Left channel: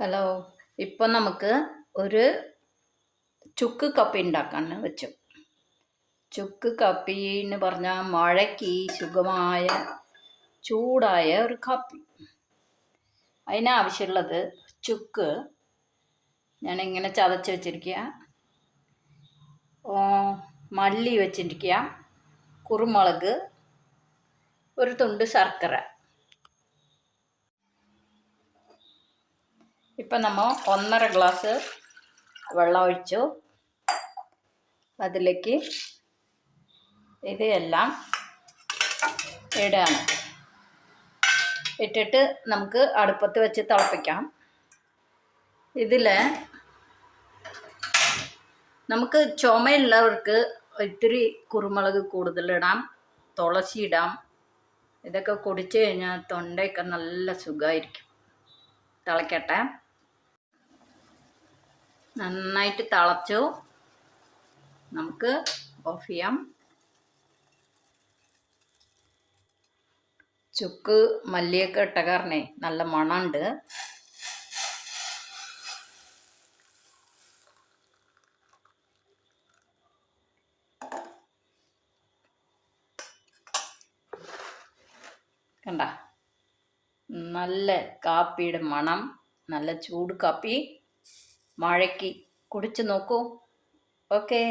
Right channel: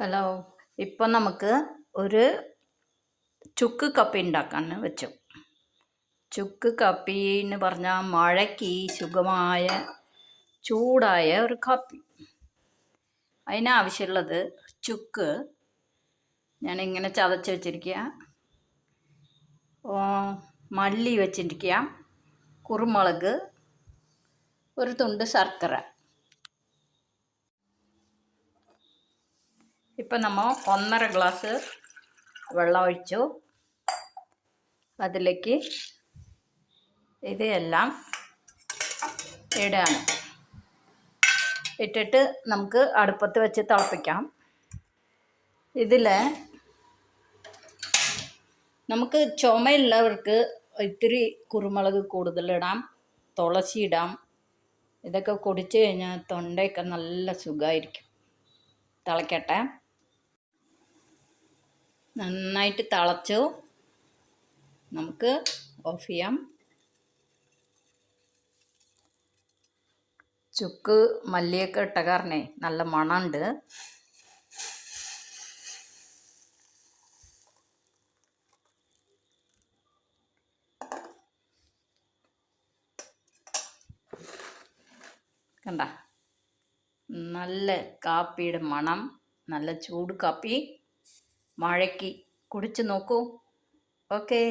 Hello ഇപ്പം നമുക്ക് ഒരു ചുക്ക് കപ്പി ഉണ്ടാക്കാൻ വെച്ചു. ചുക്ക് കപ്പി എന്ന് പറഞ്ഞാൽ മഴയ്ക്ക് സുഖമായ ചൂടായ ഒരു കാപ്പി. അതിനാവശ്യമുള്ളത് ചുക്ക്. ഞാൻ ഇങ്ങനെ ചതച്ച് വെച്ചിരിക്കുക മല്ലി വെച്ചിരിക്കുക കുരുമുളക് ഒരു തുണ്ട് ശർക്കര. ഇപ്പം നമ്മൾ ഒന്നര ഗ്ലാസ് വെള്ളം ഒഴിച്ചു. അതിലേക്ക് ഇതെല്ലാം ഇടാണ് ഇട്ടിട്ട് നമുക്ക് അടുപ്പത്ത് വെച്ച് തിളപ്പിക്കാം. ഇതിൽ നമുക്ക് ചുമയുള്ളവർക്ക് ഇത്തിരി കുരുമുളക് കൂടുതലിടാം തുളസി ഇടാം. ഇതൊക്കെ കുടിച്ചു കഴിഞ്ഞാൽ തൊണ്ടയൊക്കെ നല്ല സുഖമായിരിക്കും തിളക്കട്ടെ. നന്നായിട്ട് തിളച്ചു. നമുക്ക് ഓഫ് ചെയ്യാം. ചുക്ക് മല്ലിയൊക്കെ ഇട്ട കാരണേ നല്ല മണമുണ്ട്. കണ്ട? നല്ല കാപ്പിയുടെ മണം നല്ല ചൂട് കാപ്പി. മഴയ്ക്ക് കുടിച്ചു നോക്കൂ. ഓക്കേ.